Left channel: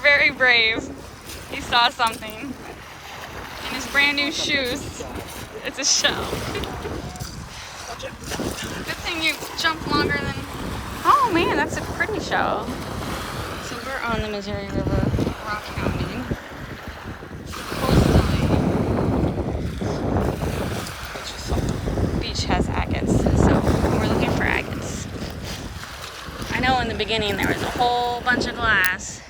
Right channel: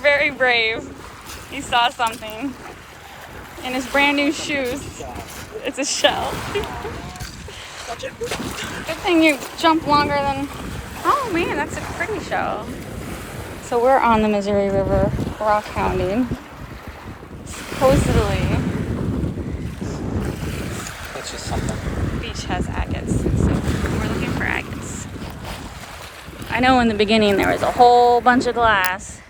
very brave. He saw something in his brand new shoes. It's a shell. Good thing you jump longer than... Oh man, that's a pretty shell. So we're on the Missouri River rockhounding. Supposedly, beach has agates, so we're looking for agates. I know in the beginning there was a whole bunch of glass.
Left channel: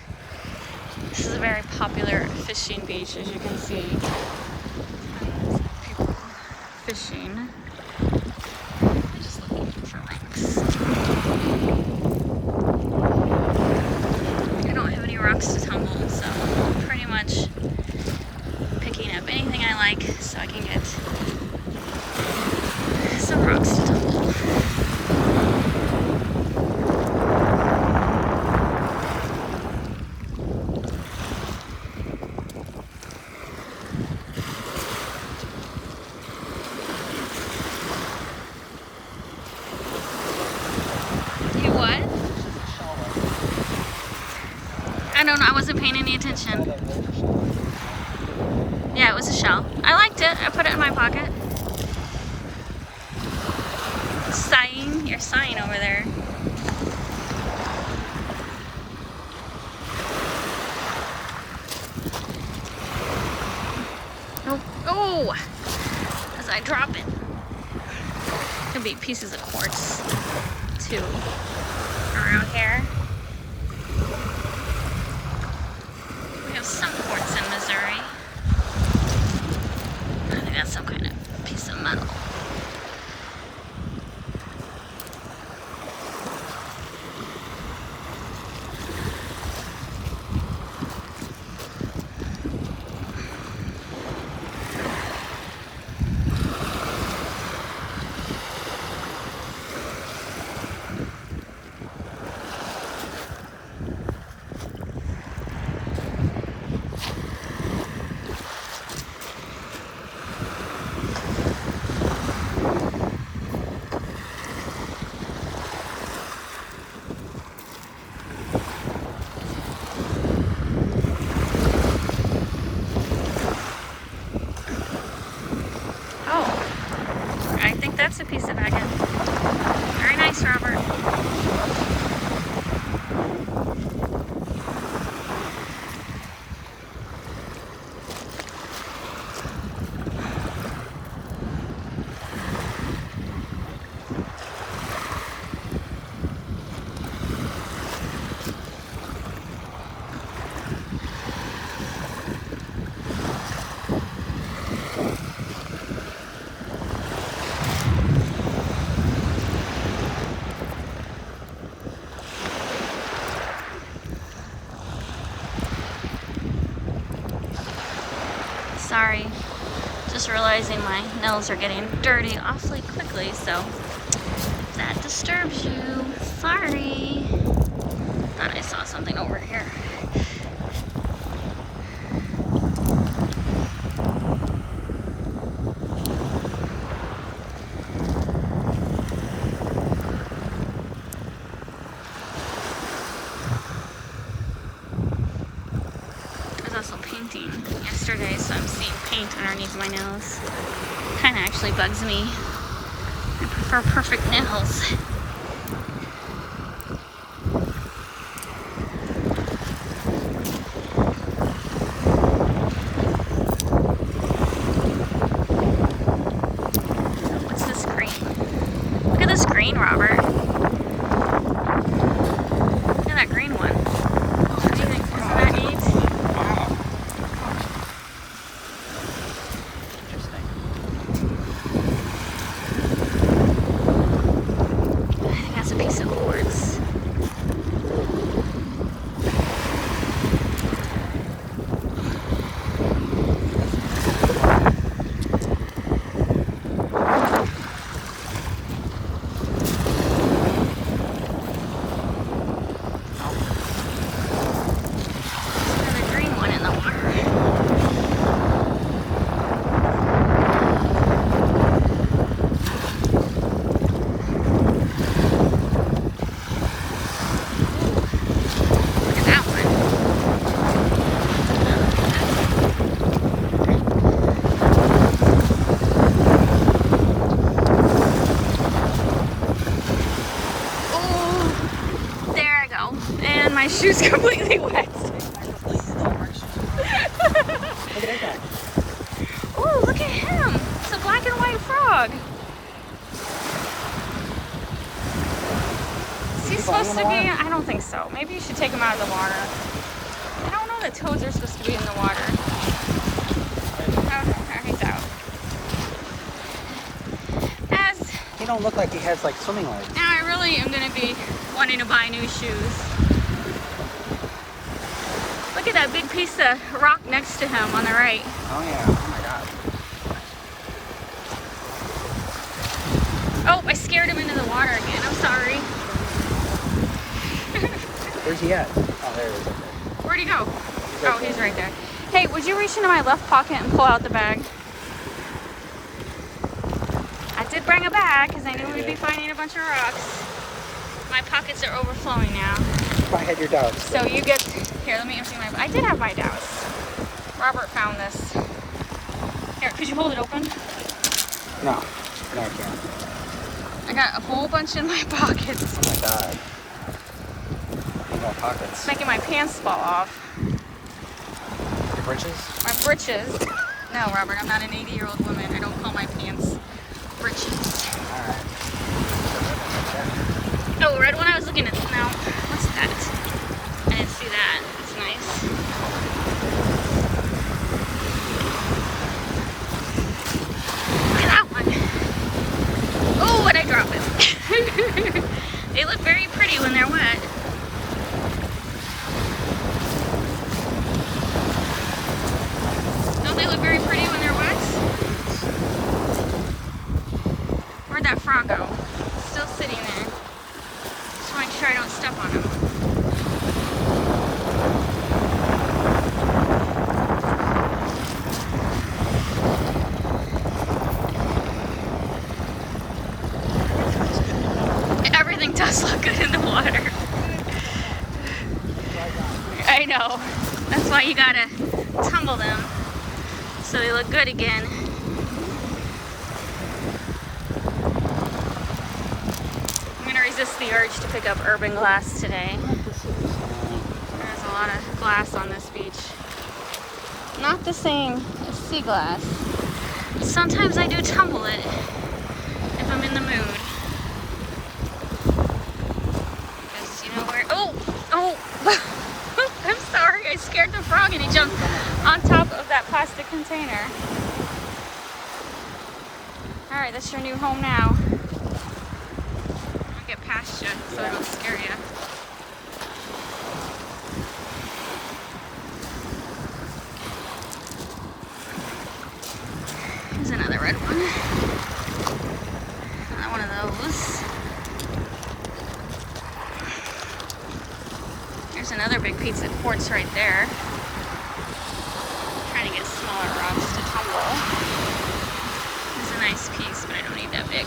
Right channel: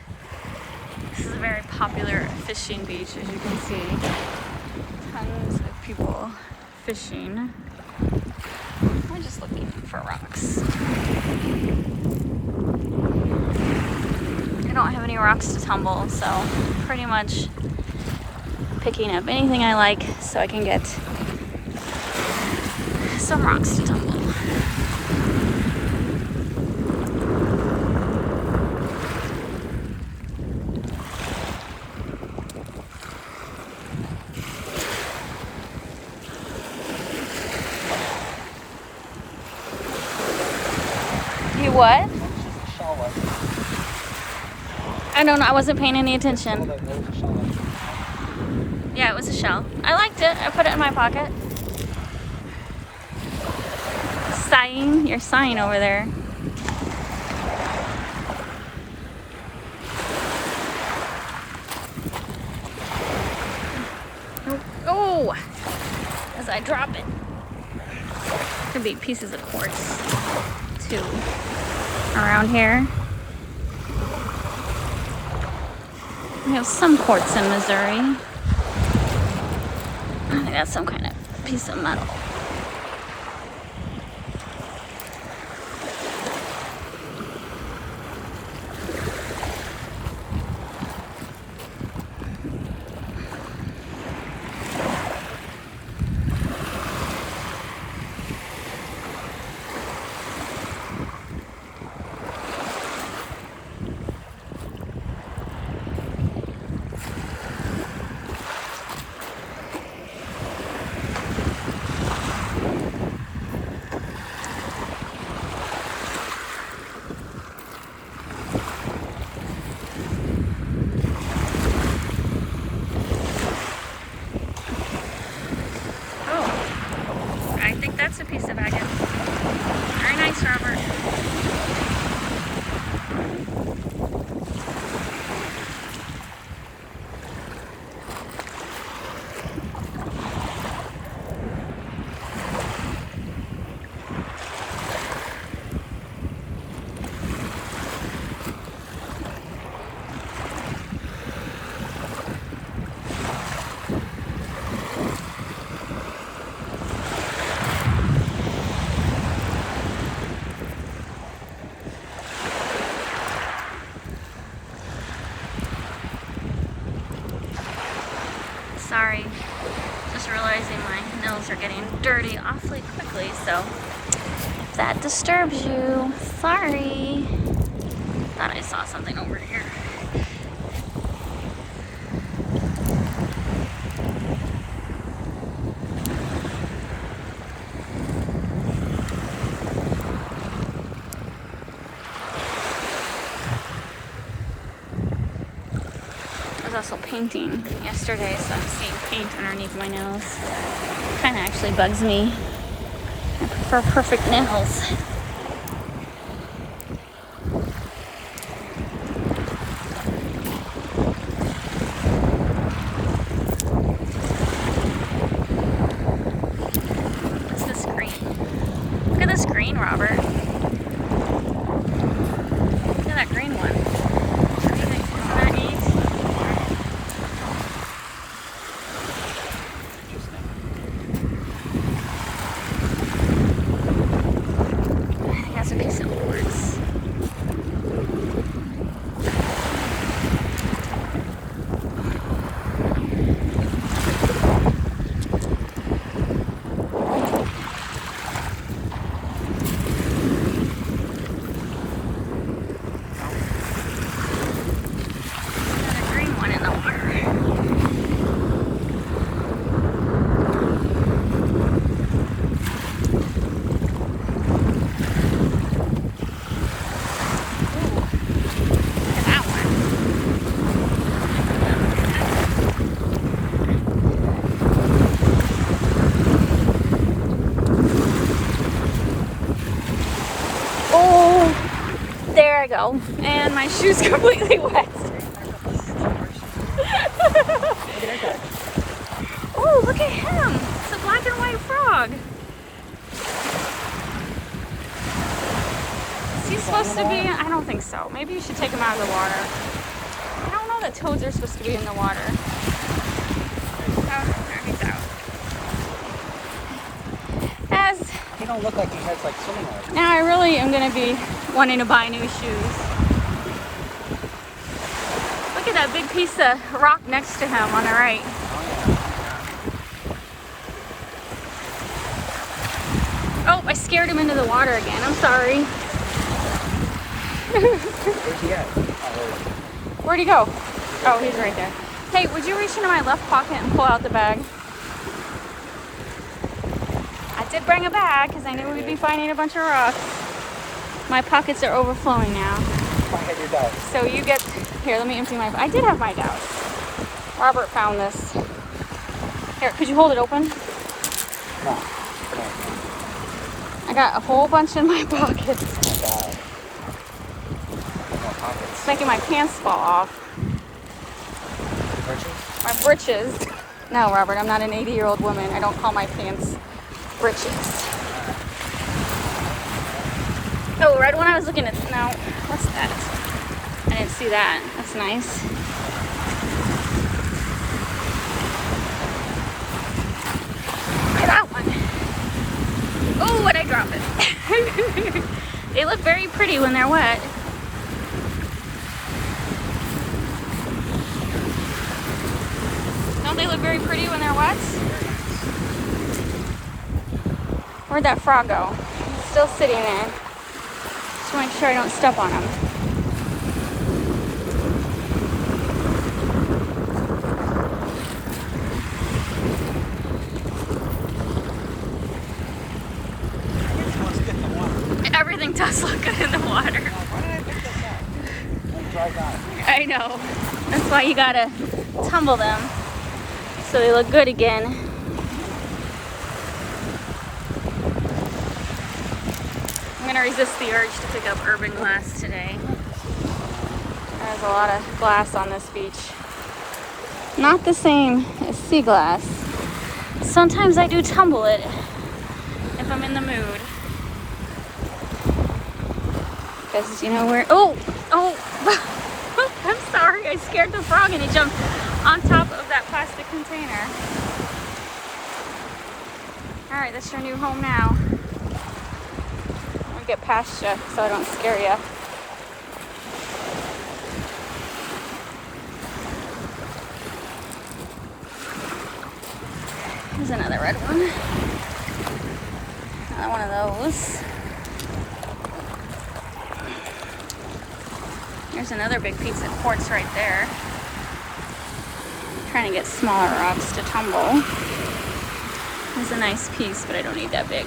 This is a very popular fishing beach, as you can see. Tons of people fishing. I'm just looking for rocks. I don't have any rocks to tumble, so I'm pretty much picking up anything I like so I can get some rocks to tumble. You what? I don't know, I wasn't paying any attention. Yeah, it was a shell. I liked it. I put it in my pocket. Sighing. You're sighing over there. Nope. Oh! As I drop it. Could be pieces of quartz, too, around here. We have some quartz in Missouri. I think that's some kind of piece of metal. That's a piece of agate. Very nice, Robert. Sorry, just realizing my nails are getting dirty awfully quickly, so if that disturbs you, sorry. Thought I saw something over here. I was also painting yesterday, so I'm seeing paint underneath my nails. Kind of actually bugs me. I prefer perfect nails. What's this green? Look at this green, Robert. Look at that green one. What do you think? Isn't that neat? fell and my shoe's completely wet. Oh, look at him. It's a black and white frog. Is he supposed to be? I don't think so. Maybe you should take him out of the water. I don't know that toads are supposed to be in the water. Oh, there he's out. He don't look like he has like swimming legs. Now I really am going to be wanting to buy new shoes. Look at that big piece of rock next to him on the right. Oh, I scared him into the water again. I'm sorry. Where's he at? Where'd he go? Oh, he's right there. Hey, would you reach into my left pocket and pull out the bag? I did bring a bag because I knew we'd be finding a bunch of rocks. My pockets are overflowing now. I had your dog. So you get, here, let me empty my, I did have my douse. Robert found this. Here, could you hold it open? No. I got a whole bunch in my pockets. It's making my pants fall off. Britches? My britches. No, Robert, I'm not an 80-year-old woman. I don't call my pants britches. Oh, right when I was looking at, no, what's that? I didn't see that. That's nice. Look at that one. Oh, what'd I drop it? They look very pretty when they're wet. Don't they look very pretty when they're wet? Where'd that frog go? He's still sitting there. Just want to make sure I don't step on him. Everything does look good in the water. I know. That's why you gotta tumble them so they look good again. I'm gonna resist the urge to pick up urban glass today. There's a lot of glass on this beach. Not the same as sea glass. Sometimes I do tumble it if I'm in the mood. Because you know where, oh, I'm sorry, I scared the frog and he jumped on top of that plastic container. All right, that's your new home now. I'll get past you so I don't scare you. There's another red one. Another one of those. There's another big piece of quartz right there. I'm trying to get smaller rocks to tumble. It's a nice piece, but I don't need that big.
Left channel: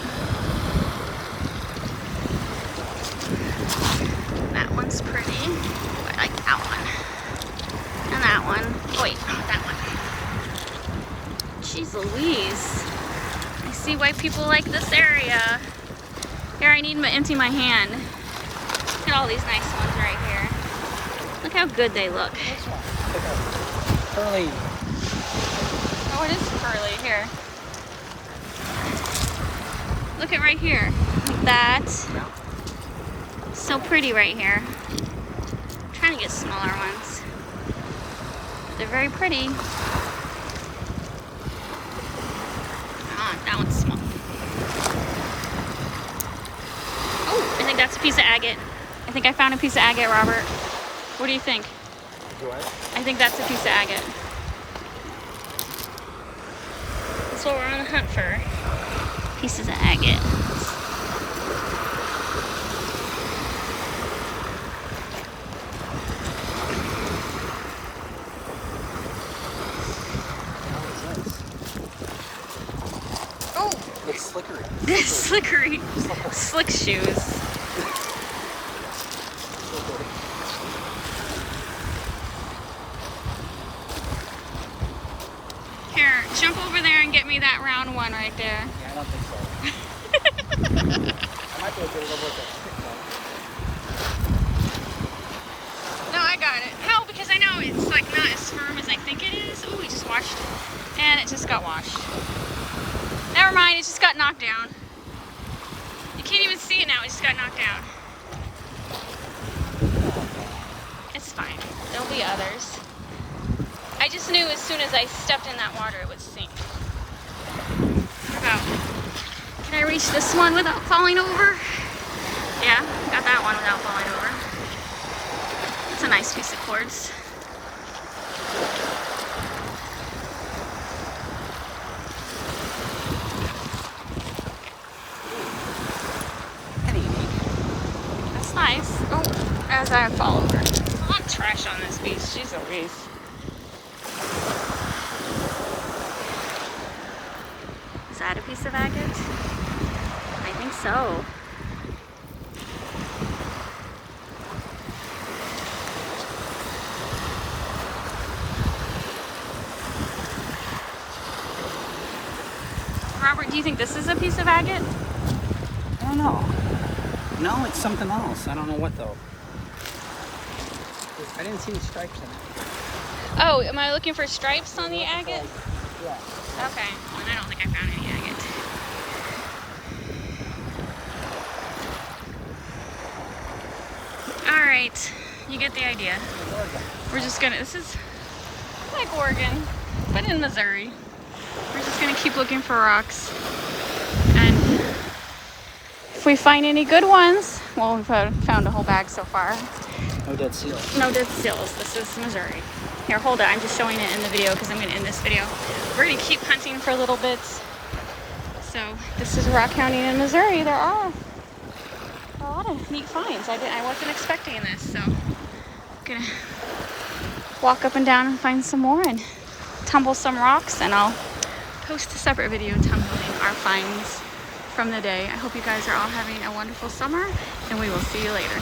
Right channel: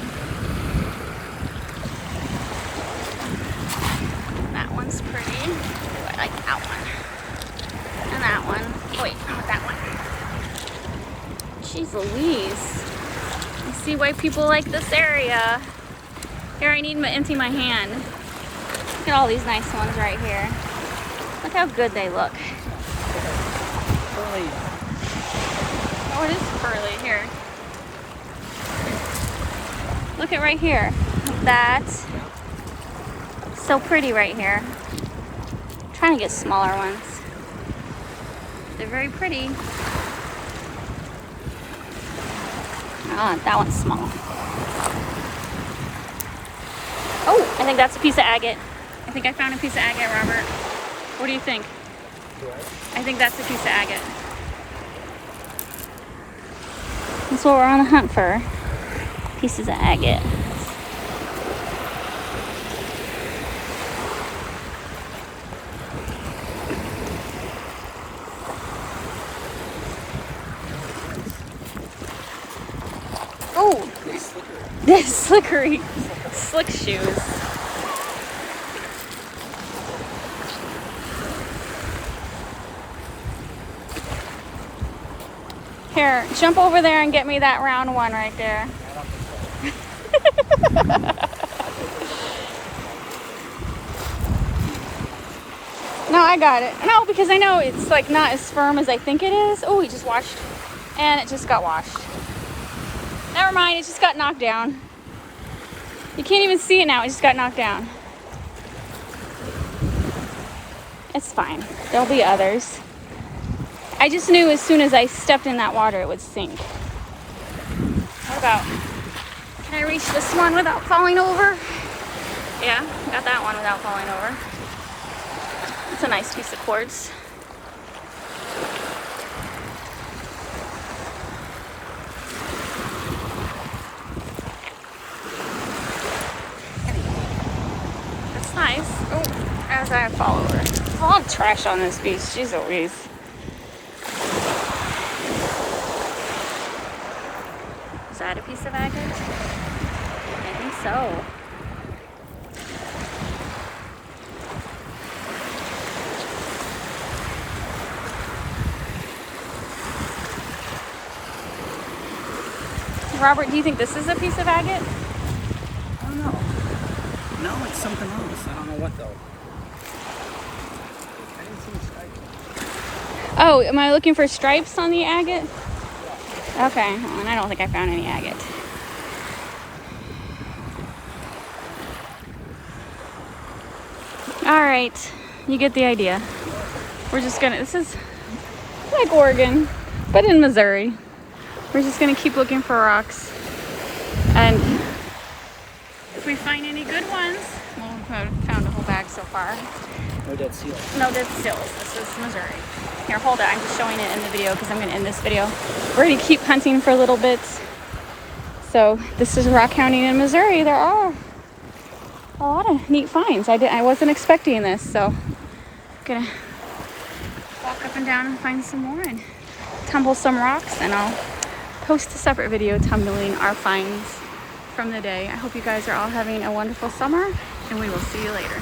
That one's pretty. Ooh, I like that one. And that one. Oh, wait, not that one. Jeez Louise. I see why people like this area. Here, I need to empty my hand. Look at all these nice ones right here. Look how good they look. Curly. Oh, it is curly. Here. Look at right here. Like that. So pretty right here. I'm trying to get smaller ones. But they're very pretty. Ah, that one's small. Oh, I think that's a piece of agate. I think I found a piece of agate, Robert. What do you think? I think that's a piece of agate. That's what we're on the hunt for. Pieces of agate. Oh! They're slippery. Slick shoes. Here, jump over there and get me that round one right there. No, I got it. No, because I know it's like not as firm as I think it is. Oh, we just washed, and it just got washed. Never mind, it just got knocked down. You can't even see it now, it just got knocked down. It's fine, there'll be others. I just knew as soon as I stepped in that water, it would sink. What about, can I reach this one without falling over? Yeah, got that one without falling over. That's a nice piece of quartz. That's nice. Oh, as I fall over. There's a lot of trash on this beach. Jeez Louise. Is that a piece of agate? I think so. Robert, do you think this is a piece of agate? I don't know. No, it's something else. I don't know what though. I didn't see the stripes on it. Oh, am I looking for stripes on the agate? Yeah. Okay, well, I don't think I found any agate. All right, you get the idea. We're just gonna, this is like Oregon, but in Missouri. We're just gonna keep looking for rocks, and if we find any good ones, well, we've found a whole bag so far. No dead seals. No dead seals. This is Missouri. Here, hold it. I'm just showing it in the video because I'm gonna end this video. We're gonna keep hunting for a little bit. So this is rockhounding in Missouri. There are a lot of neat finds. I wasn't expecting this, so I'm gonna walk up and down and find some more and tumble some rocks, and I'll post a separate video tumbling our finds from the day. I hope you guys are all having a wonderful summer, and we will see you later.